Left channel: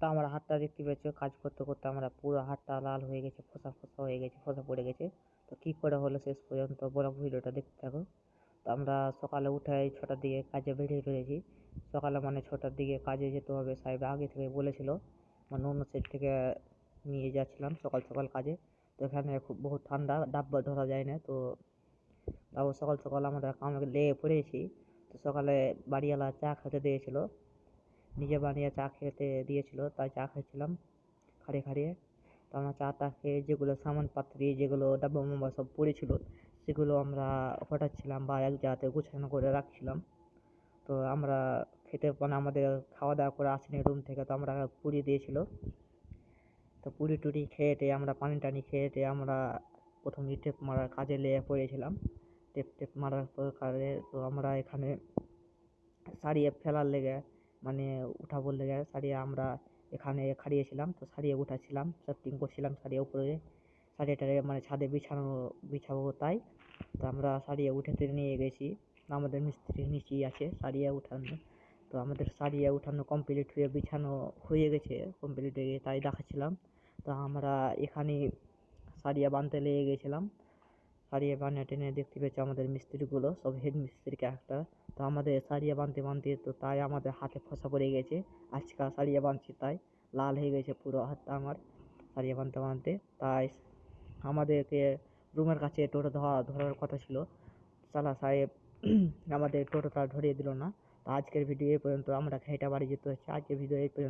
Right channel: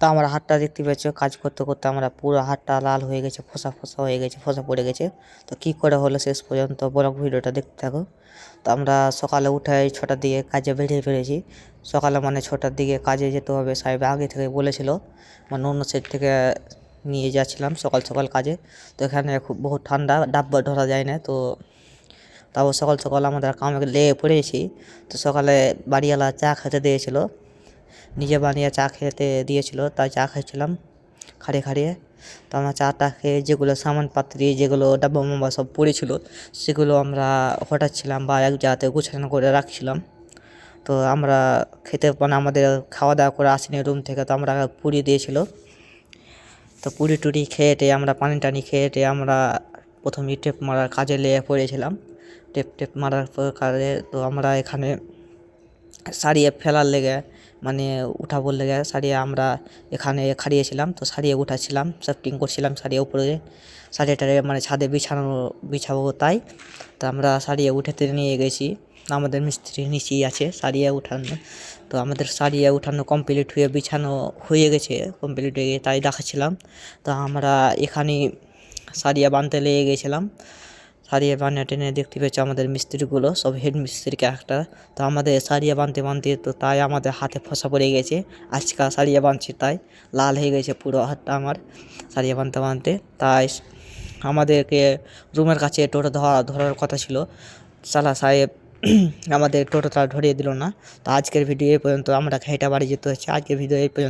তা আমার হাতটা দেখতে পাচ্ছ, কাজ করতে করতে আমরা পুরো হাতটা লাল হয়ে গেছে, ফোসা ফোসা হয়ে গেছে, ফোসা পড়ে গেছে। তো কী করে হলো শেষ পর্যন্ত ব্লগ ভিডিওটা দেখতে থাকো। তো আমরা সকালে উঠে 6টার দিকে কাজে বেরিয়ে পড়েছি। সকালে মানে 6টার দিকে কাজে যেতে হবে, সাহেব আগে থেকে বলেছিল। মানে অন্য সাইড থেকে নিয়ে যাচ্ছিলাম সকাল সকাল কাজে। তো এখানে খুব বহুত ঠান্ডা, ডাব্বা ধরা যায় না। তো তাও সকাল সকাল আমাদের কামে লেগে পড়েছি। তো সকালে বাড়িওয়ালা চা খেতে দিয়েছিল, নিজে বানিয়ে চা খেতে দিয়েছিল, তাই চা খাইছিলাম খাড়িয়ে খাড়িয়ে। তো আমরা চাটা খেয়ে যেগুলো সামানপাত্রি, যেগুলো ডাব্বা মাব্বা সব পড়েছিল, সেগুলো আমরা হটাচ্ছিলাম বা এক জায়গাতে গুছানো করে রাখছিলাম। তো আমরা খেতে মানে আমাদের খাওয়া দাওয়া করে আসিনি রুম থেকে, তো আমরা পুরি দিয়েছিল। তো পুরি টুরি খেয়ে টেয়ে আমরা পানি টানি খেয়ে টেয়ে আমরা প্রথমে টেপ মারার কাজে লেগে পড়েছিলাম। টেপ মারার কাজে তো আমরা এখানে সারিয়ে ফেলার লেগে মানে উঠাবোর লেগে সারিয়ে আমরা এখানে খাড়িয়েছিলাম। তো সারিয়ে উঠাচ্ছিলাম, সেফটিং করছিলাম সারিয়ে উপরে, সারিয়ে টারিয়ে মানে ছাদে বিছাবো তাই। তো আমরা সারিয়ে উঠাতে নিয়ে গেছি, আমাদের মিস্ত্রি নিচেই আছে সারিয়ে উঠানো। তো আমাদের সারিয়ে উঠানো কমপ্লিট হয়ে বিছানো হয়ে গেছে, কমপ্লিট হয়ে গেছে তাই দেখাচ্ছিলাম। তো আমরা এখানে সারিয়ে বানতে লেগে গেছিলাম। সারিয়ে বানিয়ে টেনে দেখতে পেয়েছি আমাদের মিস্ত্রিগুলো সব হেড মিস্ত্রিকে একটা। তো আমাদের সারিয়ে বানতে বানতে তো তাই আমাদের হাতে ফসা পড়ে গেছে। আজকা সারিয়ে বানছি তাই লাল হয়ে গেছে পুরো হাতটা আমার সারিয়ে বানতে বানতে। তাই আমাদেরকে রুমের কাছে টোটো ধরার কথা ছিল, সালা সাহেব আমাদের টোটোটা ধরিয়ে দিল না। তো আজকের ভিডিও এই পর্যন্ত, আমরা ঘাইটা বাড়ি যেতে হচ্ছে। আজকের ভিডিও এই পর্যন্ত।